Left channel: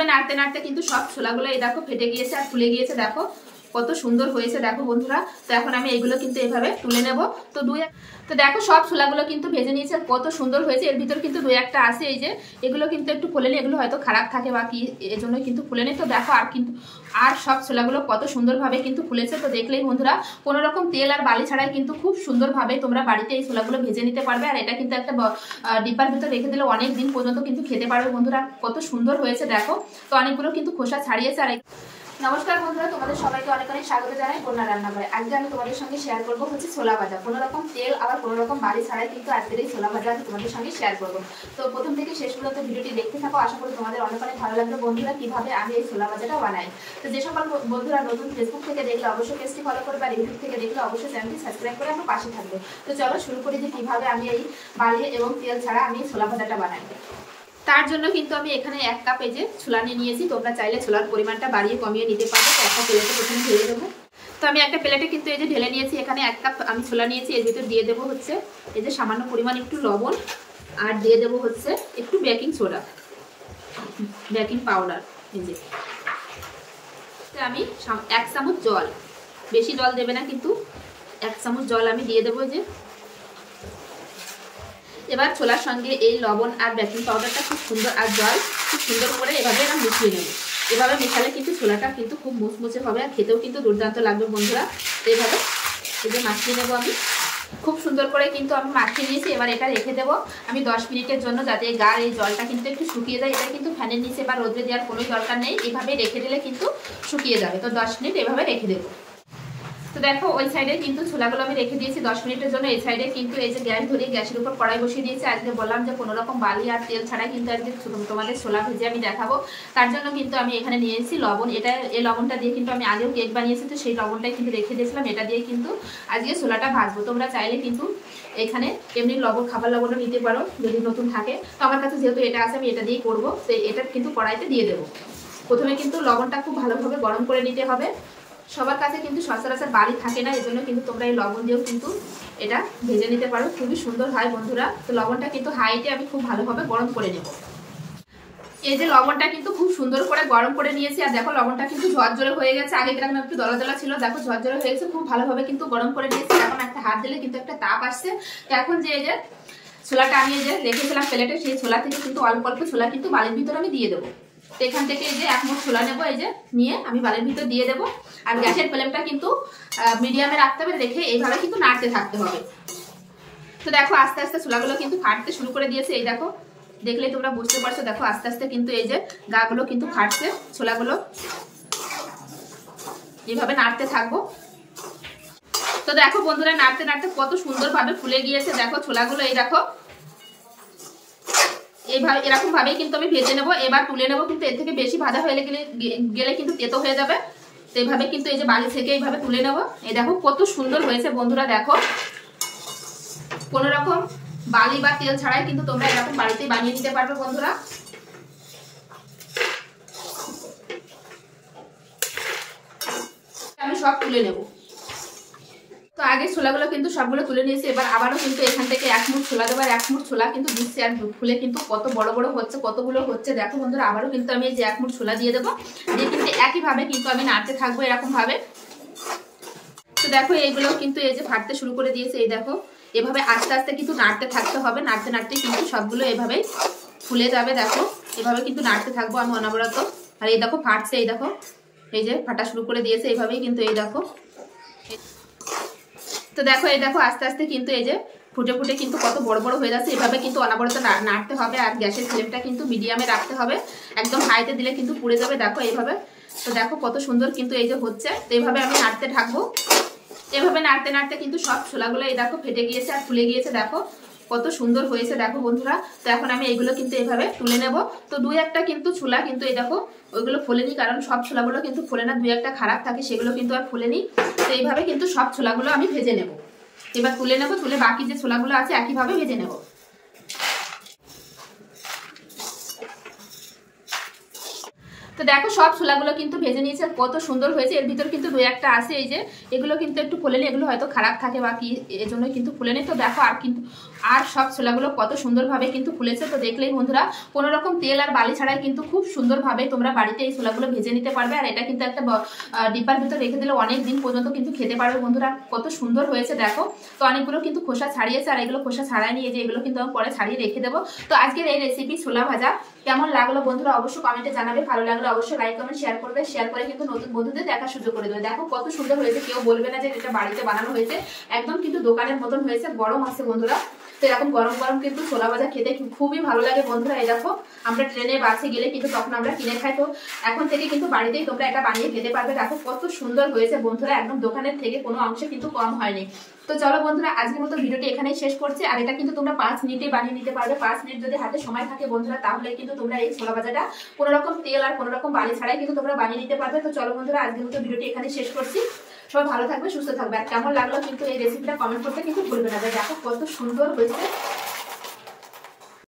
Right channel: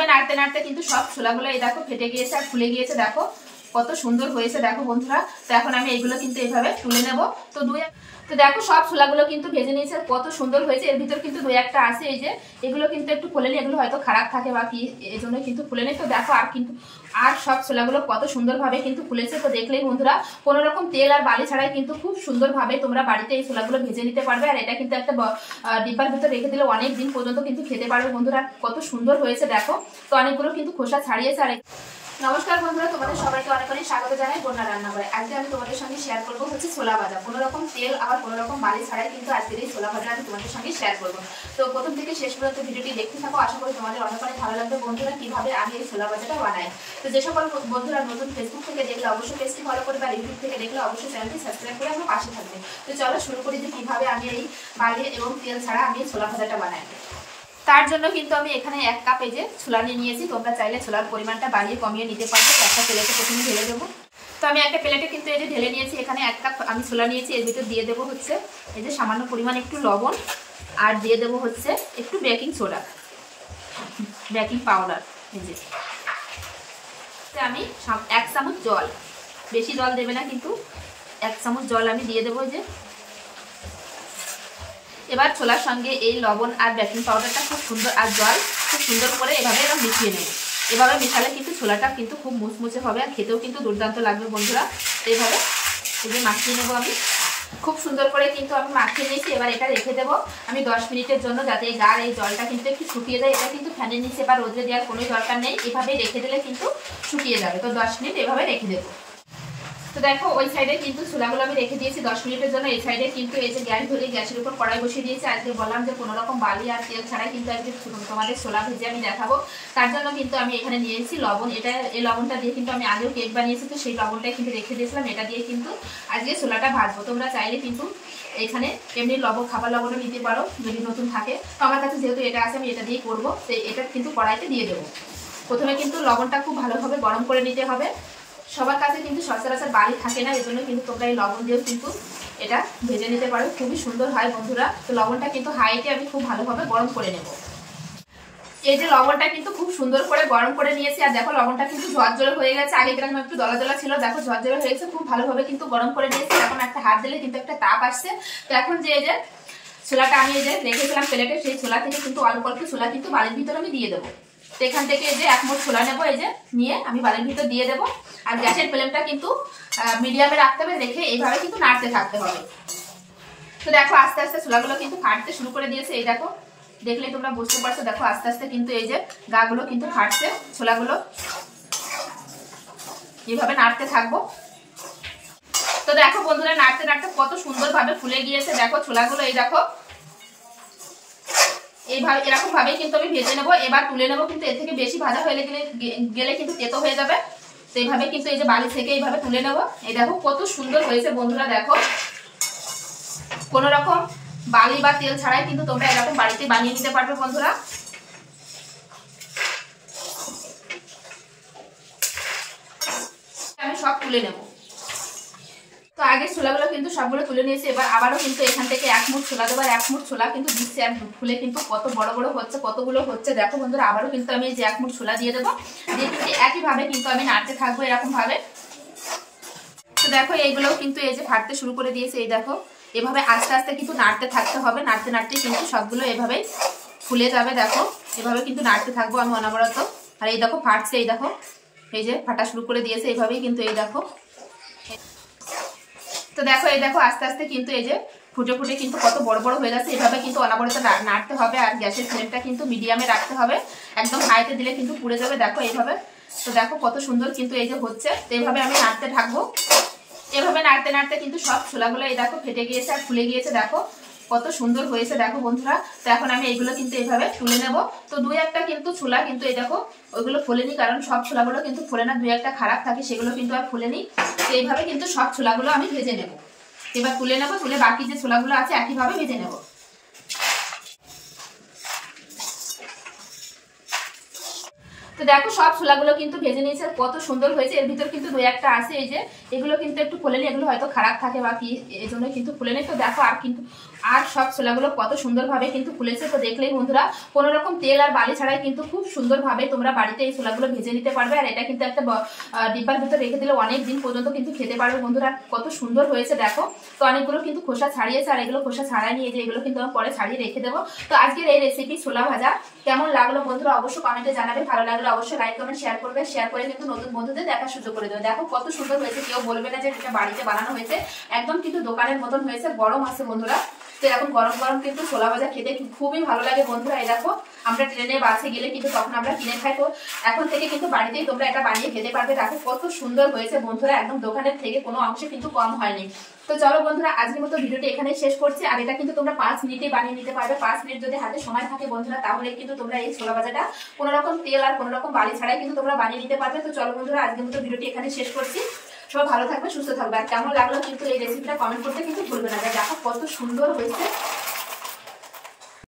এইভাবে নাড়তে নাড়তে কিন্তু সব ছোলাগুলো এই দেখো ফেটে গিয়েছে আর ফুলে গিয়েছে, দেখো কত সুন্দর হয়েছে দেখো বন্ধুরা। তো এখন আমি এইগুলো কিন্তু এইভাবে তুলে নেব। তো দেখো সব ছোলাগুলো কিন্তু ভেজে নিয়েছে, কত সুন্দর হয়েছে। এর ভিতর কিন্তু দুই একটা আছে, এই যে এগুলো কিন্তু একটু ফুলেনি, এগুলো হয়তো খারাপ থাকে বা কি এই জন্য কিন্তু ফুলেনি। তো দেখো আর সব ছোলাগুলো কত সুন্দরভাবে কিন্তু ফুলেছে। তো দেখলেই বন্ধুরা কোনো রকম তেল আর বালি ছাড়াই কিন্তু খুব সুন্দরভাবে তোমরা বাড়িতে এই ছোলাগুলো ভেজে নিতে পারবে। আর এটা কিন্তু একটা ডিব্বার ভিতর রেখে দিলে অনেক দিন পর্যন্ত কিন্তু খেতে পারবে বন্ধুরা। কত সুন্দর হয়েছে দেখো। তো অনেকগুলো কিন্তু খোসা ছাড়িয়েছে। আর নমস্কার বন্ধুরা, তোমাদের সবাইকে অনেক অনেক স্বাগত জানাই বন্যা রান্না করে। আজকে আমি তোমাদের সঙ্গে শেয়ার করবো হচ্ছে ছোলা ভাজা। কোনো রকম তেল আবার কোনো রকম বালি ছাড়াই কিন্তু আজকের এই ছোলা ভাজা আমি তোমাদের সঙ্গে শেয়ার করবো। তো প্রথম থেকে শেষ পর্যন্ত ভিডিওটি দেখতে থাকো, আশা করি তোমাদের অনেক অনেক ভালো লাগবে বন্ধুরা কিভাবে আমি এই ছোলা ভাজাটা বানাই। তো যে সকল বন্ধুরা নতুন ফেসবুক থেকে দেখলে অবশ্যই পেজটি ফলো করবে, আর ইউটিউব থেকে দেখলে অবশ্যই চ্যানেলটি সাবস্ক্রাইব করে আমার পাশে থাকবে। তো চলো শুরু করি যে কিভাবে আমি এই বালি এবং তেল ছাড়া আমি ছোলা ভাজাটা বানাই। তার জন্য কিন্তু আমি এখানে 1 কাপ এই যে ছোলা নিয়ে নিয়েছি। তোমরা চাইলে ছোলার পরিমাণটা বাড়িয়ে কমিয়ে নিতে পারবে। তো একটা প্লেটে প্রথমে ঢেলে দেবো। তো আমি একটা প্লেটে কিন্তু এই যে ঢেলে নিয়েছি। এখানে 1 কাপ আমি ছোলা নিয়েছি। এর ভিতর দিয়ে দেবো হচ্ছে এই যে সামান্য পরিমাণ একটু লবণ, আর দিয়ে দেবো হচ্ছে একটু বেকিং সোডা, বেকিং পাউডার। এই যে আমি 1 চামচ জল, বেশি জল দেবে না কিন্তু 1 চামচ জল আমি দিয়ে দেবো। এই যে এবার ছোলার সঙ্গে এই লবণ আর বেকিং পাউডারটা খুব সুন্দর আর জল খুব সুন্দর করে এভাবে মিশিয়ে নেব। এভাবে মেশালে কিন্তু ছোলাটা কিন্তু খুব মুচমুচে হবে আর খেতেও কিন্তু দুর্দান্ত লাগবে বন্ধুরা। এইভাবে এই যে মাখিয়ে নেব আমি খুব সুন্দর করে কিন্তু আমি মাখিয়ে নিয়েছি। এবার এটা রেখে দেবো আমি 10 মিনিটের জন্য, যাতে গাঢ় এই জলটা কিন্তু একটু শুকিয়ে যায়। এটা কিন্তু ফ্যানের নিচে বা রোদে দেওয়ার কোনো দরকার নেই, এভাবে রেখে দিলে কিন্তু শুকিয়ে যাবে। তো 10 মিনিট এভাবে রেখে দেবো। তো দেখো ওই সাইডে কিন্তু ছোলাগুলো আমি রেখে দিয়েছি 10 মিনিটের জন্য। এই সাইডে কিন্তু এই যে গ্যাস ধরিয়ে গ্যাসের উপর কড়াই বসিয়ে দিয়েছি। আজকে বললাম যে কোনো রকম বালি আর তেল ছাড়াই কিন্তু আজকে তোমাদের ছোলা ভেজে আমি দেখাবো। তার জন্য কিন্তু আমি এখানে নিয়েছি লবণ। এই লবণটা দিয়ে কিন্তু আমি আগেও কেক বানিয়েছি, তো সেই লবণটাই কিন্তু রেখে দিয়েছিলাম। এটা দিয়ে কিন্তু আজকে ছোলাটা ভাজবো। তোমরা চাইলে কিন্তু এখানে এমনি খাবার লবণও নিতে পারো যদি নতুন থাকে। তো আমার কাছে যেহেতু এটা আছে আমি এটা দিয়েই করবো। তো এটা কিন্তু কড়াইতে দিয়ে দেবো। প্রথমে কিন্তু লবণটা খুব ভালোভাবে গরম করে নিতে হবে। সবার কাছে কিন্তু সচরাচর বালি থাকে না, এজন্য কিন্তু তোমরা এই লবণ দিয়েও কিন্তু এটা ভেজে নিতে পারো, খুবই সুন্দর হয় বন্ধুরা। তো লবণটা কিন্তু হাইতে আমি খুব ভালোভাবে গরম করে নেব। এই যে লবণটা কিন্তু খুব সুন্দর করে গরম করে নিয়েছি। আর দেখো লবণটা কিন্তু ঝরঝরে হয়ে গেছে, আগে কিরকম একটু দলা দলা ছিল, দেখো ঝরঝরে হয়ে গেছে। খুব ভালোভাবে কিন্তু গরম করে নিয়েছি। এখন একটা হাত দিলে কিন্তু একটা তাপ আসছে। তো এখন যে এই যে ছোলাটা আমি এই যে রেখেছিলাম প্লেটে, সেই ছোলা থেকে কিন্তু অল্প অল্প ছোলা কিন্তু বালির ভিতরে আমি দিয়ে দেবো। তো এখান থেকে এই যে 1 মুঠ ছোলা নেবো, এই যে নিয়ে আমি বালির ভিতর দিয়ে দেবো। আর গ্যাসের ফ্লেমটা কিন্তু মিডিয়ামে রাখতে হবে, রেখে এইভাবে কিন্তু নাড়তে থাকতে হবে। তো দেখো আস্তে আস্তে ছোলাগুলো কিন্তু ফাটতে শুরু করে দিয়েছে। এই দেখো দেখলেই তোমরা বুঝতে পারছো, দেখো আস্তে আস্তে কিন্তু এই যে গাগুলো কিন্তু ফাটছে। ছোলাগুলো এইভাবে নাড়তে থাকবো। তো দেখো বন্ধুরা নাড়তে নাড়তে কত সুন্দরভাবে ফুলে গিয়েছে দেখো ছোলাগুলো। এই দেখো এইভাবে এরকম ভাবেই কিন্তু আমি ভেজে নেবো। এবার তুলে নেবো, কিন্তু এর থেকে বেশি ভাজা হয়ে গেলে কিন্তু তেতো হয়ে যাবে। তো এইভাবে কিন্তু এই যে বালি থেকে এইভাবে তুলে নেবো। এই দেখো কত সুন্দর হয়েছে বন্ধুরা। দেখো কোনো রকম বালি বা তেল ছাড়াই কিন্তু তোমরা এরকম বাড়িতে বানিয়ে নিতে পারবে বন্ধুরা। আমি সব তুলে নেব। তো আগে ছোলাগুলো কিন্তু সবগুলো তুলে নিয়েছি। এবার আবারও কিন্তু এখান থেকে 1 মুঠ ছোলা দেবো। আর 1 মুঠ ছোলা কিন্তু দিচ্ছি, আর ফুলে কিন্তু কত বড় বড় হচ্ছে, কতগুলো হচ্ছে দেখো বন্ধুরা। আবারও কিন্তু আমি এই যে 1 মুঠ ছোলা দিয়ে দেবো, দিয়ে কিন্তু একইভাবে কিন্তু আমি নাড়তে থাকবো এরকম ভাবে। তো দেখো এইগুলোও কিন্তু এই যে ফাটতে শুরু করে দিয়েছে। এই দেখো এভাবে আস্তে আস্তে কিন্তু নাড়তে থাকতে হবে। নাড়তে নাড়তে কিন্তু সবগুলো এভাবেই ফুলে যাবে। দেখো এভাবে কিন্তু নাড়তে থাকবো আমি অনবরত। আর এই দেখো ফাটছে, এই দেখো এই যে ফাটা শুরু করে দিয়েছে এইভাবেই কিন্তু। এই দেখো তো দেখো এই দেখো আস্তে আস্তে কিন্তু এই যে ফুটে ফুটে কিন্তু কত বড় বড় হয়ে যাচ্ছে। এভাবে কিন্তু অনবরত নাড়তে হবে। আর গ্যাসের ফ্লেমটা কিন্তু মিডিয়ামে রাখতে হবে, একদম হাইতে দিলে কিন্তু পুড়ে যাবে। দেখো এইভাবে। তো দেখো কত সুন্দর কিন্তু এই যে হচ্ছে। তো এইভাবে আমি নাড়তে থাকবো। এভাবে নাড়তে নাড়তে কিন্তু সব ছোলাগুলো এই দেখো ফেটে গিয়েছে আর ফুলে গিয়েছে। দেখো কত সুন্দর হয়েছে দেখো বন্ধুরা। তো এখন আমি এইগুলো কিন্তু এইভাবে তুলে নেব। তো 2-1টা কিন্তু ছোলা কিন্তু এই দেখো ওইগুলো ফোলেনি, কারণ সব ছোলাগুলো কিন্তু ফোলে না, 2-1টা খারাপ থাকে, সেগুলো কিন্তু আর ফোলেনি। তো এইভাবে কিন্তু সব ছোলাগুলো আমি ভেজে নেব। এবার তুলে নেব, তুলে বাকি যে ছোলাগুলো আছে একইভাবে ভেজে নেব। তো তো দেখো সব ছোলাগুলো কিন্তু ভেজে নিয়েছে, কত সুন্দর হয়েছে। এর ভিতর কিন্তু দুই একটা আছে, এই যে এগুলো কিন্তু একটু ফুলেনি, এগুলো হয়তো খারাপ থাকে বা কি এই জন্য কিন্তু ফুলেনি। তো দেখো আর সব ছোলাগুলো কত সুন্দরভাবে কিন্তু ফুলেছে। তো দেখলেই বন্ধুরা কোনো রকম তেল আর বালি ছাড়াই কিন্তু খুব সুন্দরভাবে তোমরা বাড়িতে এই ছোলাগুলো ভেজে নিতে পারবে। আর এটা কিন্তু একটা ডিব্বার ভিতর রেখে দিলে অনেক দিন পর্যন্ত কিন্তু খেতে পারবে বন্ধুরা। কত সুন্দর হয়েছে দেখো। তো অনেকগুলো কিন্তু খোসা ছাড়িয়েছে, আর এগুলো খোসা ছাড়াই নিয়ে যে এগুলো কিন্তু আমি পরে ছাড়িয়ে রেখে দেবো। তো আজকের এই রেসিপি ছোলা ভাজা কেমন লাগলো বন্ধুরা অবশ্যই কমেন্টে জানাবে। ভালো লাগলো অবশ্যই লাইক কমেন্ট শেয়ার করবে, শেয়ার করে কিন্তু নতুন বন্ধুদের দেখার সুযোগ করে দেবে। দেখো কত সুন্দর হয়েছে, কেউ বলবে না যে এটা বাড়িতে বানানো হয়েছে, একদম কিন্তু দোকানের মতন হয়েছে। গরম আছে বন্ধুরা, তো এরকম গরম গরম কিন্তু ছোলা ভাজা খেতে খুবই ভালো লাগে বন্ধুরা। এই দেখো আমরা ট্রেনে বাসে গেলে কিন্তু তখন আমরা কিনে খাই, তো এখন থেকে কিন্তু বাড়িতেই তোমরা এটা বানিয়ে খেতে পারবে। দেখো কত সুন্দর হয়েছে বন্ধুরা, একদম দোকানের থেকে কোনো অংশে কিন্তু কম হয়নি। তো চলো বন্ধুরা আজকের মতো ভিডিওটি এখানেই শেষ করছি। আর এটা কিন্তু তোমরা 5 মিনিটে বানিয়ে নিতে পারবে। 5 মিনিট যদি হাতে সময় থাকে বন্ধুরা, তাহলে কিন্তু তোমরা এই ছোলা ভাজাটা কোনো রকম তেল আর কোনো রকম বালি ছাড়াই কিন্তু তোমরা বানিয়ে নিতে পারবে। তো চলো বন্ধুরা আজকের মতো ভিডিওটি এখানে শেষ করছি। সবাই ভালো থাকবে, সুস্থ থাকবে। আর কেমন লাগলো কিন্তু এই রেসিপিটা কমেন্ট করতে কিন্তু ভুলবে না। দেখো কত সুন্দর হয়েছে।